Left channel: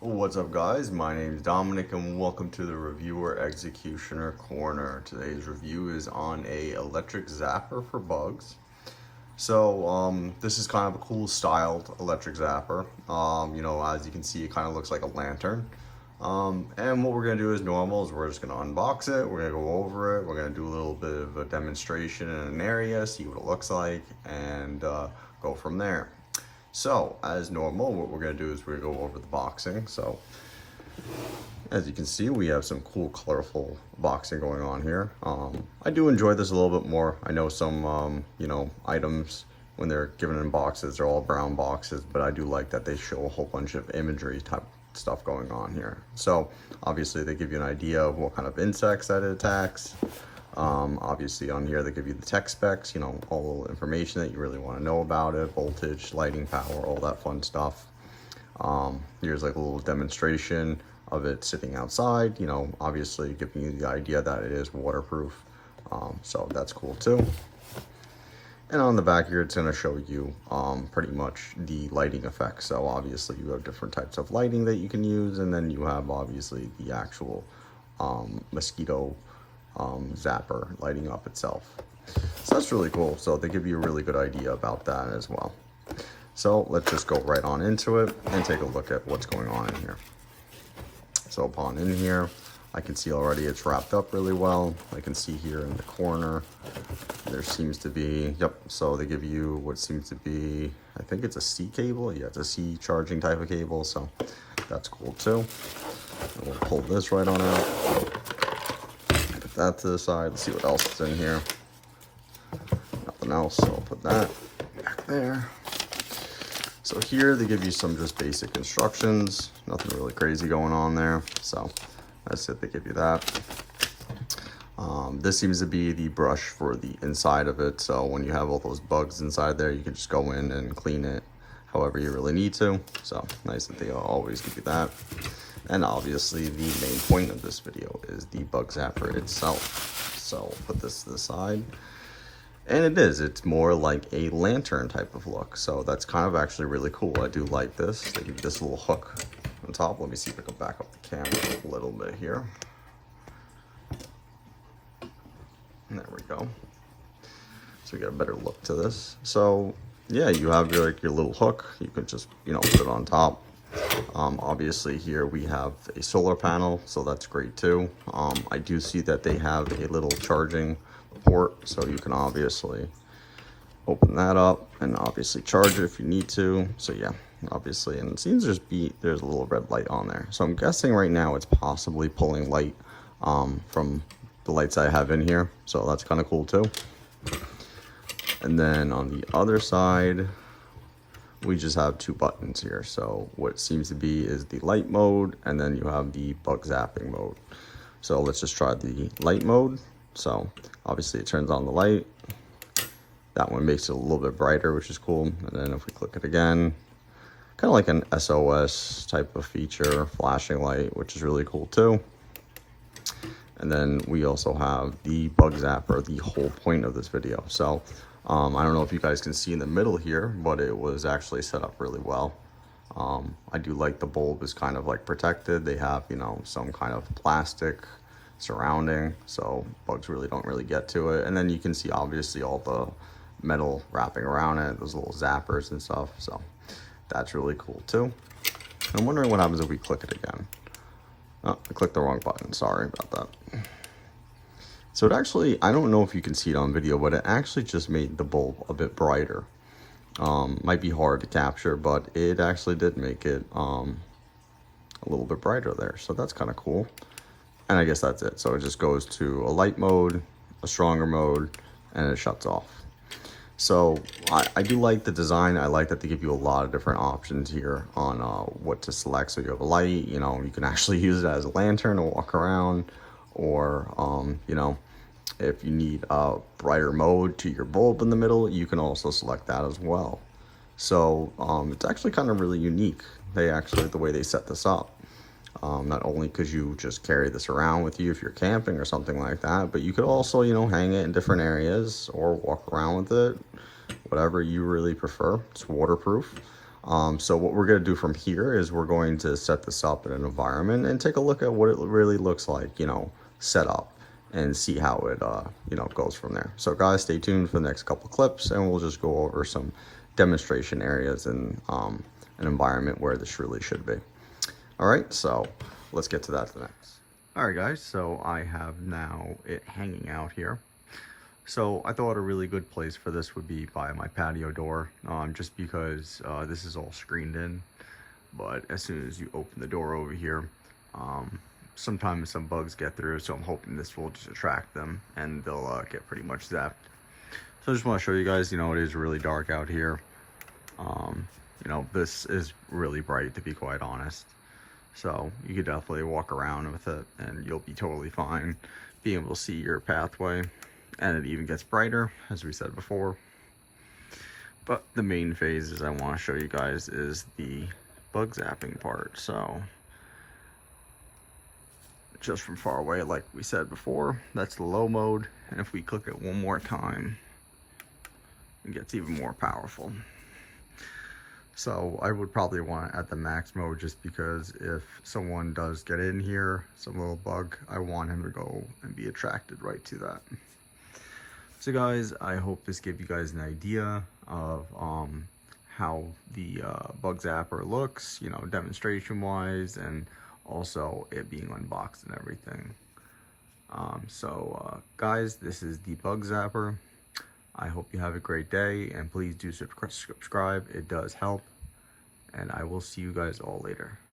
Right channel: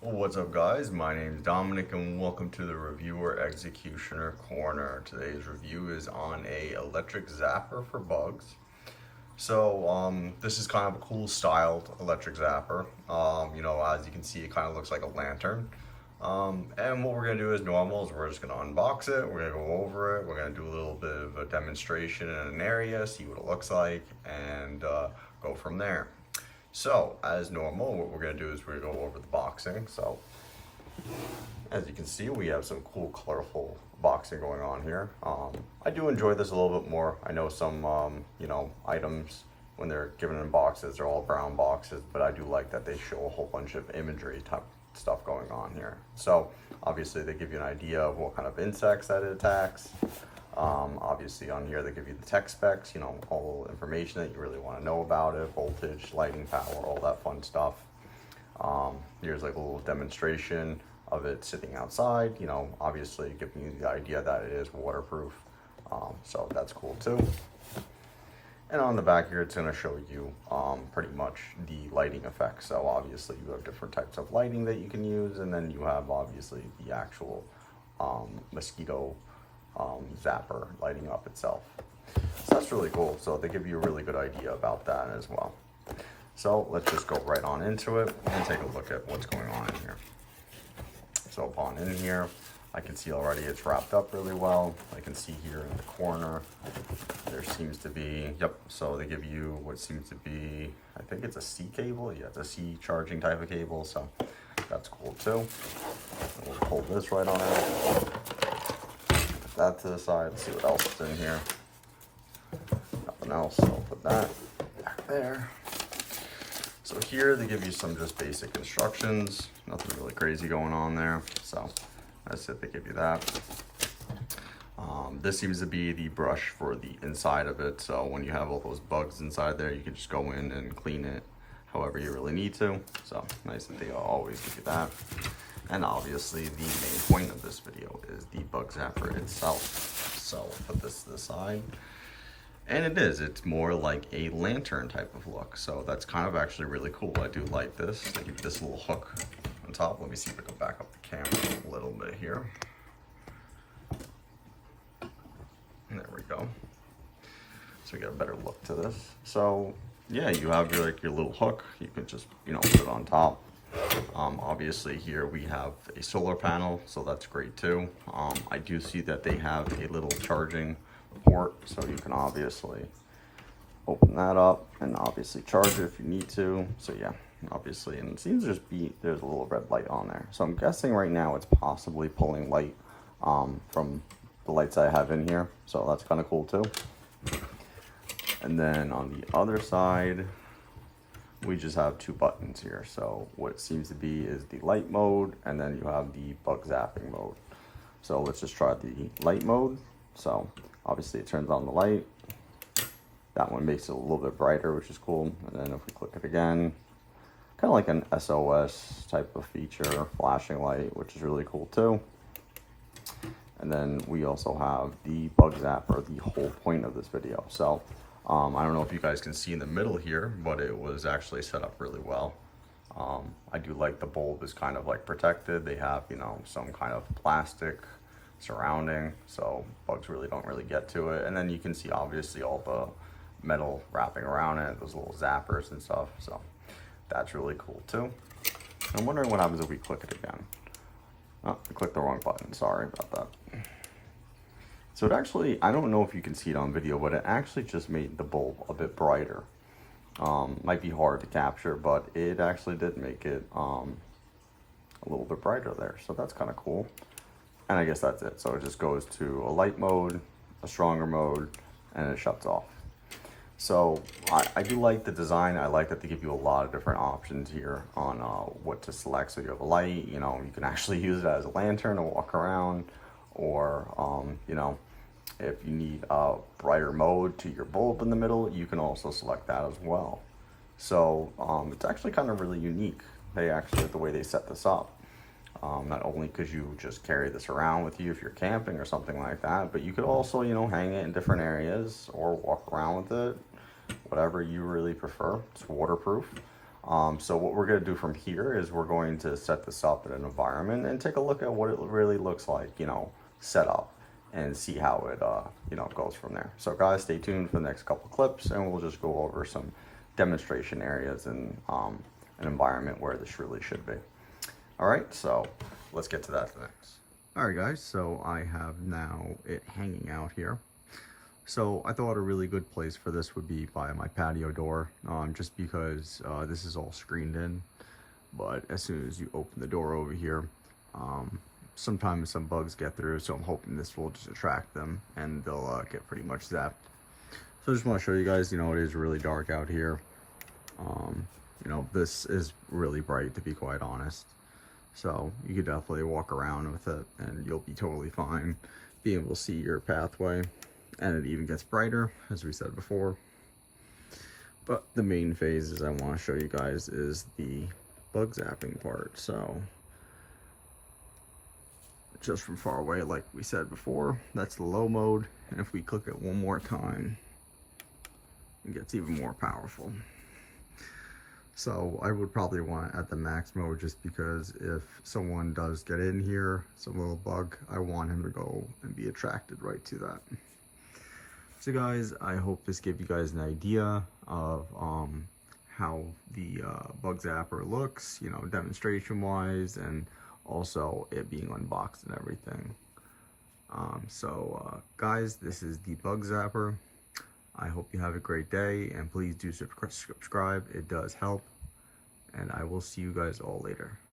What's up, guys? My name is Dominic and welcome to the Reviewer Executioner Corner. Today's review is on a electric zapper for bugs. This is kind of a cool styled electric zapper. As you can see, it kind of looks like a lantern. And what we're gonna do as normal is we're just gonna unbox it, we're gonna go over it, we're gonna do a little bit of a demonstration in an area, see what it looks like, and go from there. So, as normal, what we're going to do is we're going to go over the boxing. So, as you can see, we have some cool, colorful boxing going on here. I do enjoy this a little bit more. I know some, items, when they're given in boxes, they're all brown boxes, but I do like that they show a whole bunch of imagery type stuff going on here. So, obviously, they give you an idea of what kind of insects that it attacks. Obviously on here they give you the tech specs, all the information that you really want to know about it, voltage, lighting power, all that fun stuff. Here's like a little demonstration of it sitting outside, obviously giving you the idea that it is waterproof. So that's cool too. And on the back here, it's going to show you pretty much the lighting effects. So obviously you have different types of lighting that you can use, and then you have obviously the actual mosquito zapper lighting up itself. So that's really cool. So they give you a really good idea about that as well. So let's just go right on into it and take a look at what's going on in here. So upon in here, I can see already it's wrapped up really well. I can see here in the corner, there seems to be, so they give you what seems to be, I think it's a C cable. Yeah, it's a C charging type of cable. So that's cool too. We'll pull this right on out. That to the side, see what else is in here. Nothing else, so I'll put that back there. So here they give you some just basic instructions, nothing really crazy going on there. So that's it, they give you that. This seems to be the brush for the inside of it. So when you have all those bugs inside there, you can just go in and clean it however you really need to. So nice that they always give you that. And obviously the main point of this video is the bug zapper itself. So I'll put this to the side. And it's more like a lantern type of look. So that's kind of actually really cool. I do like this. They give this little hook on top. Let me see if I can back up the camera a little bit here. There we go. So you get a better look to this. So yeah, you have your little hook. You can just, put it on top. Obviously here we have a solar panel, so that's great too. I do see that they have a little charging port, so you can obviously open that up and obviously charge it if you need to. So yeah, obviously, and it seems there's a little red light on there. So I'm guessing right now it's possibly pulling light from the lights I have in here. So that's kind of cool too. And then on the other side, we just have two buttons here. So what seems to be is the light mode, and then you have the bug zapping mode. So let's just try the light mode. So obviously it turns on the light. That one makes it a little bit brighter, which is cool. And then if we click it again, kind of like an SOS type of feature, flashing light, which is really cool too. And then we also have the bug zapper, the whole point of this video. So I don't know if you guys can see in the middle here, but it was actually set up really well. I do like the bulb is kind of like protected. They have, some kind of plastic surrounding, so bugs really don't get to it. And then you can see obviously all the metal wrapping around it, those little zappers and stuff. So that's really cool too. I'm wondering what happens if we click it again. Oh, I clicked the wrong button. Sorry about that. So it actually, I don't know if you can see it on video, but it actually just made the bulb a bit brighter. Might be hard to capture, but it actually did make it a little bit brighter there. So that's kind of cool. And I guess that's it. So it just goes to a light mode, a stronger mode, and it shuts off. So I do like the design. I like that they give you a lot of different options here on what to select. So you have a light, you can actually use it as a lantern to walk around, or if you need a brighter mode to your bulb in the middle, you can also select that as well. So it's actually kind of really unique. The way they set this up. Not only could you just carry this around with you if you're camping or something like that, but you could also, hang it in different areas or walk around with it, whatever you really prefer. It's waterproof. So what we're going to do from here is we're going to set this up in an environment and take a look at what it really looks like, you know, set up, and see how it, you know, goes from there. So guys, stay tuned for the next couple clips, and we'll just go over some demonstration areas and an environment where this really should be. All right, so let's get to that next. All right, guys, so I have now it hanging out here. So I thought a really good place for this would be by my patio door, just because this is all screened in. But as soon as you open the door over here, sometimes some bugs get through, so I'm hoping this will just attract them and they'll get pretty much zapped. So I just want to show you guys, you know, it is really dark out here. You know, this is really bright, to be quite honest. So you could definitely walk around with it and you'll be totally fine being able to see your pathway. And it even gets brighter, as we said before. But the main phases I want to show you guys is the bug zapping part. So just from far away, like we said before, that's the low mode. And if we click it one more time, it gets even more powerful. So I would probably want it at the max mode, just because if someone does get in here, some little bug, I want him to go and be attracted right to that. So guys, I hope this gave you guys an idea of how the bug zapper looks, you know, demonstration wise, and also it being unboxed and everything. Guys, this is the bug zapper. I hope you have a great day, and please do subscribe. It does help, and I will see you guys all later.